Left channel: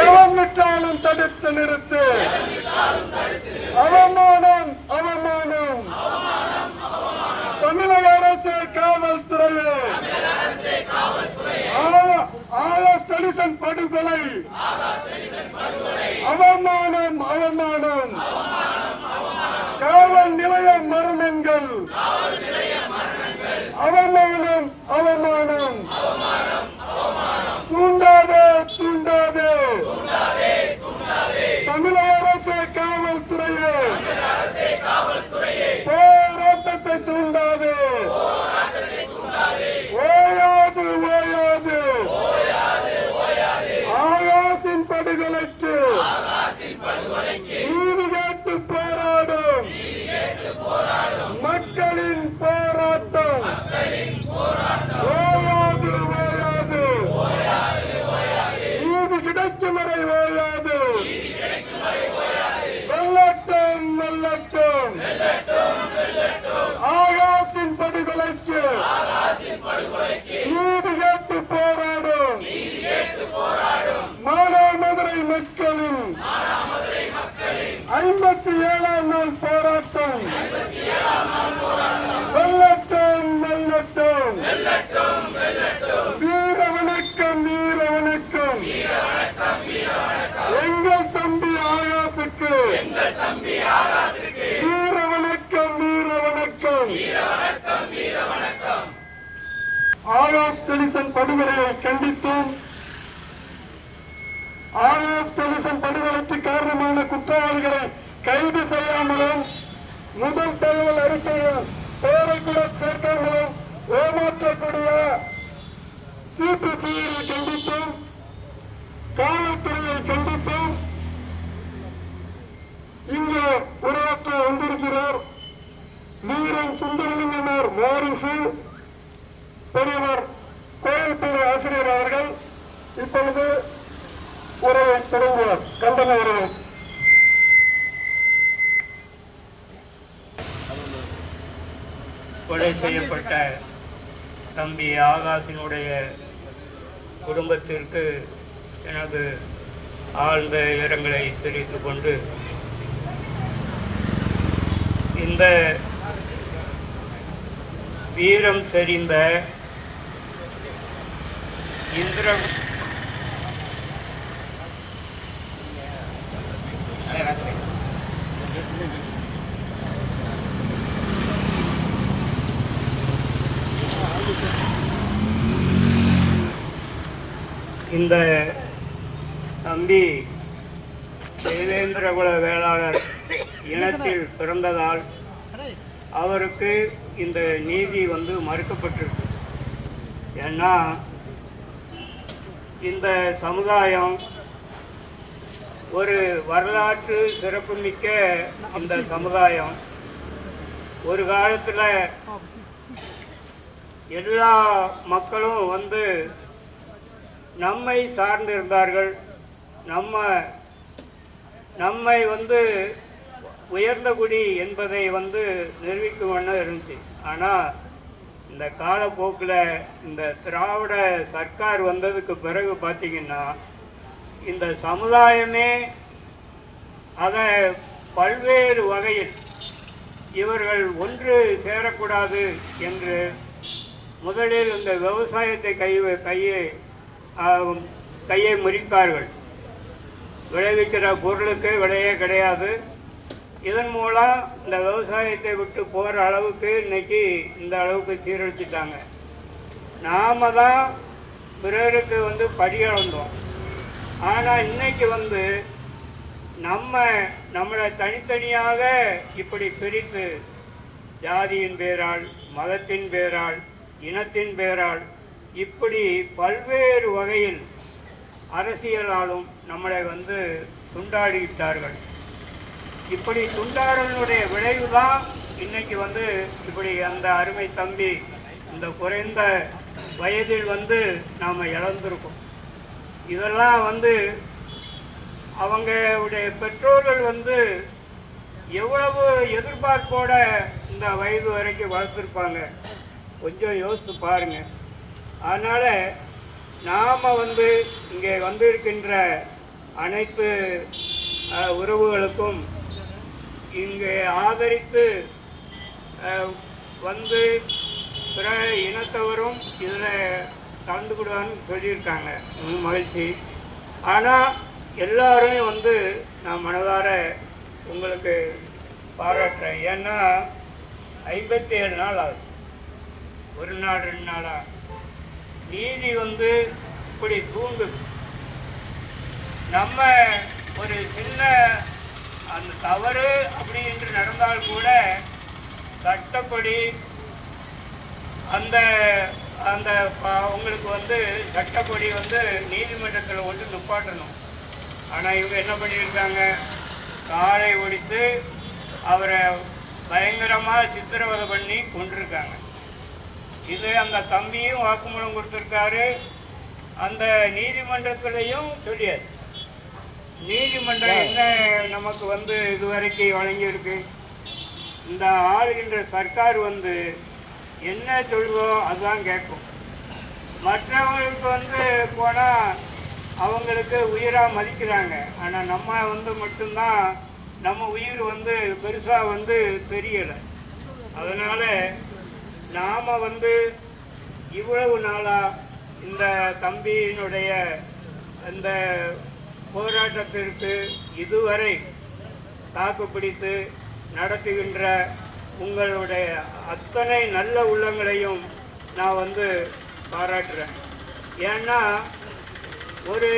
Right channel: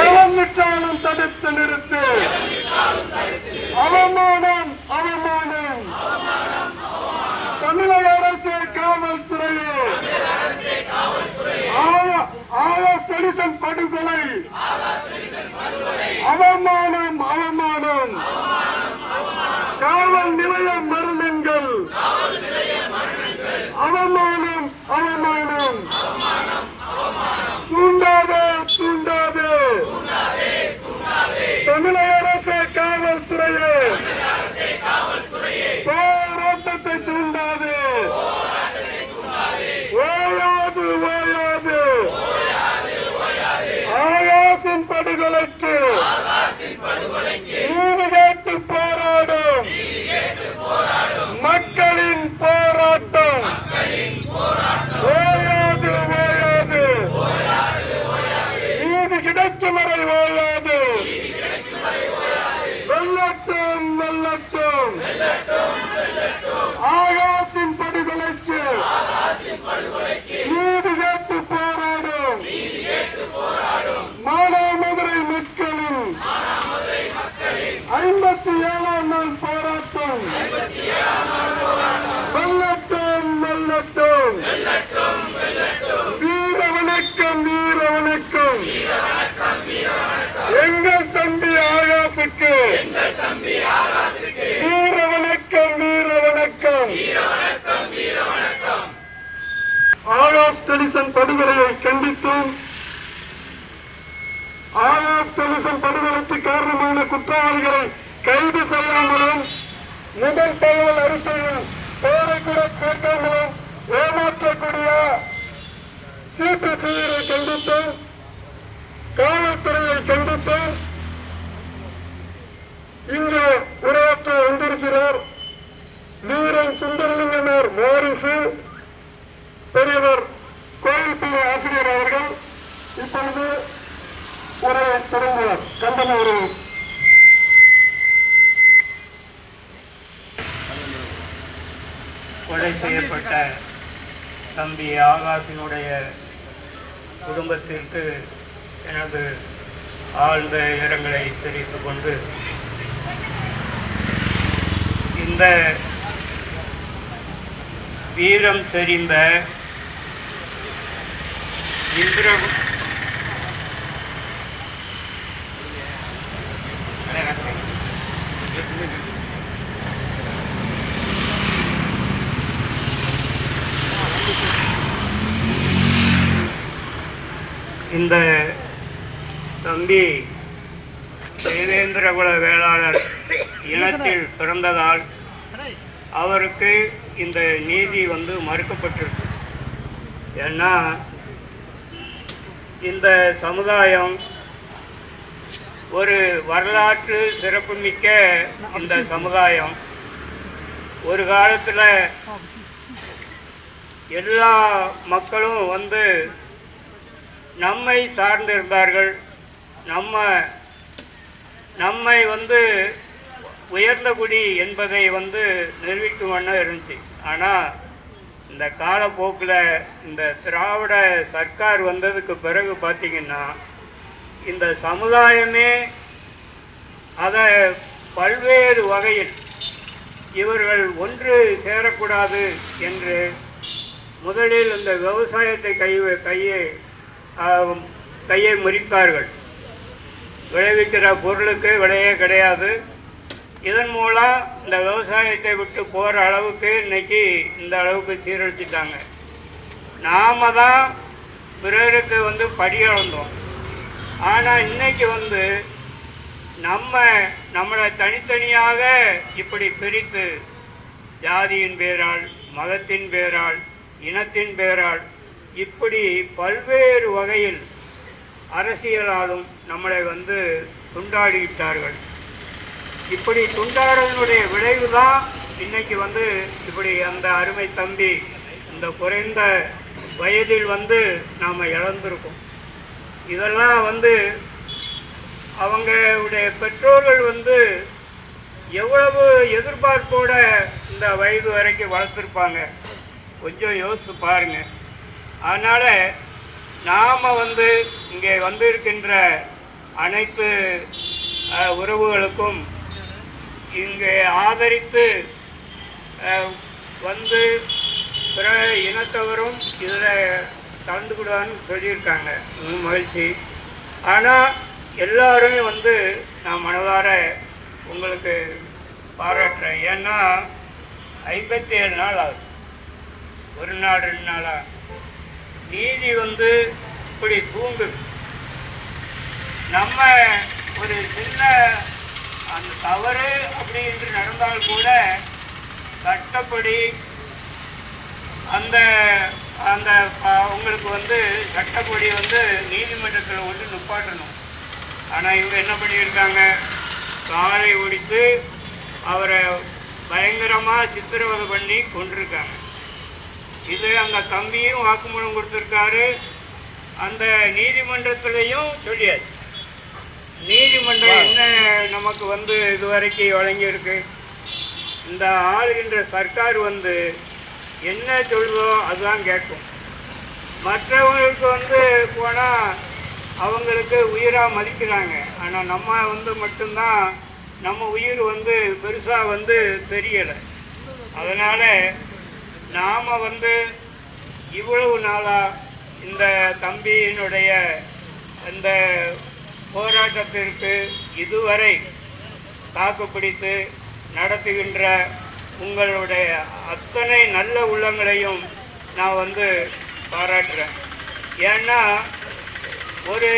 எவன் விட்டாலும் தடுத்து நிறுத்து. அவமானம் அவமானம். தமிழக அரசு காவல்துறையே ஆகாஷ் படுகொலை அவமானம் அவமானம். காவல் நிலைய மரணங்கள் அவமானம் அவமானம். தூண்டாதே தூண்டாதே தமிழக அரசு காவல்துறையே போராட்டத்தை தூண்டாதே. ஓயாது ஓயாது ஆகாசின் படுகொலைக்கு நீதி கேட்டு போராடும் மக்களின் போராட்டம். ஓயாது ஓயாது நீதி கிடைக்கும் வரை ஓயாது. வெள்ளட்டும் வெள்ளட்டும் ஆகாசின் படுகொலைக்கு நீதி கேட்டு போராடும் மானாமதுரை மக்களின் 57ஆம் நாள் போராட்டம். வெள்ளட்டும் வெள்ளட்டும் வீர வணக்கம் வீர வணக்கம். எங்கள் தம்பி ஆகாசுக்கு வீர வணக்கம் வீர வணக்கம். ஆகாஷ் டெலிசன் படுகொலையை கண்டித்தும் ஆகாஷ் டெலிசன் படுகொலைக்கு காரணமான குற்றவாளிகளை கைது செய்யாமலும் முதல் தகவல் அறிக்கையில் பெயரை கூட சேர்க்காமலும் ஏமாற்றக்கூடிய சிபிசிஐடியை கண்டித்தும் காவல்துறையை கண்டித்தும் இங்கு உரையாற்ற வந்திருக்கிறார் வீரன் சுந்தரலிங்கனார் வாரிசு பெரியவர் கோயில்பள்ளி ஆசிரியர் அவர்கள். இப்பொழுது உரையை தொடங்குவார். கண்டன உரை. கொலை செய்யப்பட்ட தம்பி ஆகாஷினுடைய குடும்பத்திற்கு எனது ஆழ்ந்த இரங்கலை தெரிவித்துக் கொண்டு இந்த வீரம் தெரிந்த இந்த தம்பி தேவேந்திரகுல வேளாளர் இனத்தில் பிறந்ததால் அவருக்கு இந்த நீதி மறுக்கப்பட்டிருக்கு. ஏன்னா இந்த சமுதாயம் ஒரு வரலாற்று சிறப்புமிக்க இந்த சமுதாயம் ஒரு காலத்தில் எல்லா மக்களும் நம்மை சார்ந்திருந்தார்கள். நம்மை உயர்ந்த குடி என்பதை நிரூபிக்கும் வண்ணம் இருந்துச்சு. ஆனால் இந்த காலப்போக்கில் இந்த திராவிட சர்க்கார் வந்ததுக்கு பிறகு பார்த்திங்கன்னா இந்த சமுதாயமே அதை பல்வேறு வகையில் இவர்கள் ஒன்று சேரக்கூடாது என்று முதலில் இந்த விவசாயத்தை கையை முறித்தார்கள். விளைவிக்கிற பொருளுக்கு விலையே கிடையாது. இதன் மூலம் இந்த விவசாயத்தை விட்டு போகிற அளவுக்கு இன்னைக்கு இந்த அளவுக்கு சீரழிச்சிட்டாங்க. நாம தான் பிறருக்கு படியளந்தோம். ஆனால் இன்னைக்கு நம்மளை தனித்தனியாக இப்படி பிரித்து ஜாதியின் பேரால், மதத்தின் பேரால், இனத்தின் பேரால் இப்படி பல்வேறு வகையில் அரசியலாலும் நம்மளை துண்டாடிவிட்டார்கள். இப்படி துண்டாடுவதனுடைய விளைவு தான் இன்னைக்கு இப்படி அந்த அருமை தம்பி இந்த குறைந்த வயதில் நாம் இழந்திருக்கோம். இதெல்லாம் அவங்களுடைய பெற்றோர்கள் எவ்வளவு எதிர்பார்ப்போட இந்த வயது வரைக்கும் வளர்த்துருப்பாங்க, கொஞ்சம் யோசித்து பாருங்க. அதனால் நாம் இங்கே வந்திருக்கின்ற அனைத்து உறவுகளுக்கும் இங்கே ஆதரித்து வந்து பிற இனத்தவரும் இதில் கலந்துக்கிடுவான்னு சொல்லியிருக்காங்க. மகிழ்ச்சி. ஆனால் எல்லாரும் வந்து நான் மனதார உங்களுக்கு பாராட்டுறேன். ஏன்னா 57 நாள் ஆகுது, ஒரு நாள் 2 நாளாக நீதி வந்து இப்படி தூங்குது. நம்ம ஒரு சின்ன அந்த தவறு அப்படி என்று நடந்தால் கூட சட்டப்படி அந்த அந்த உங்களுக்கு வந்து சட்டப்படி வந்து நீதிமன்றத்தில் வந்து நிப்பாட்டணும். ஆனால் இவங்க என்ன பண்ணியிருக்காங்க, காரை ஒடித்து அவரை பயங்கரமாக சித்திரவதை பண்ணி கொண்டிருக்காங்க. இது அந்த தம்பியும் வாக்குமூலம் கொடுத்துருக்காரு, அந்த நீதிமன்றத்திலையும் சொல்லியாச்சு. நீதிமன்றம் என்ன நமக்கு வந்து இதுவரைக்கும் வழங்கியிருக்கு, இந்த ஆளுகின்ற சர்க்கார் வந்து என்ன சொல்லுதோ அதுதான் கேட்கும். மற்றவங்களுக்கு வந்து போனால் அவங்களுக்கு உயிராக மதிக்கிறாங்க. ஆனால் நம்ம வந்து மட்டும்தான் நம்ம உயிர் வந்து பெருசாக வந்து தெரியலை. அதனால் நாம் வந்து இவ்வளவு நாளாக இந்த தம்பியினுடைய இந்த போராட்டத்திற்கு இதுவரை தாக்குப்பிடித்து நடத்துகின்ற உங்களுடைய அத்தனை நல்ல உள்ளங்களையும் நான் வந்து பாராட்டுறேன். ஏன்னா ஒரு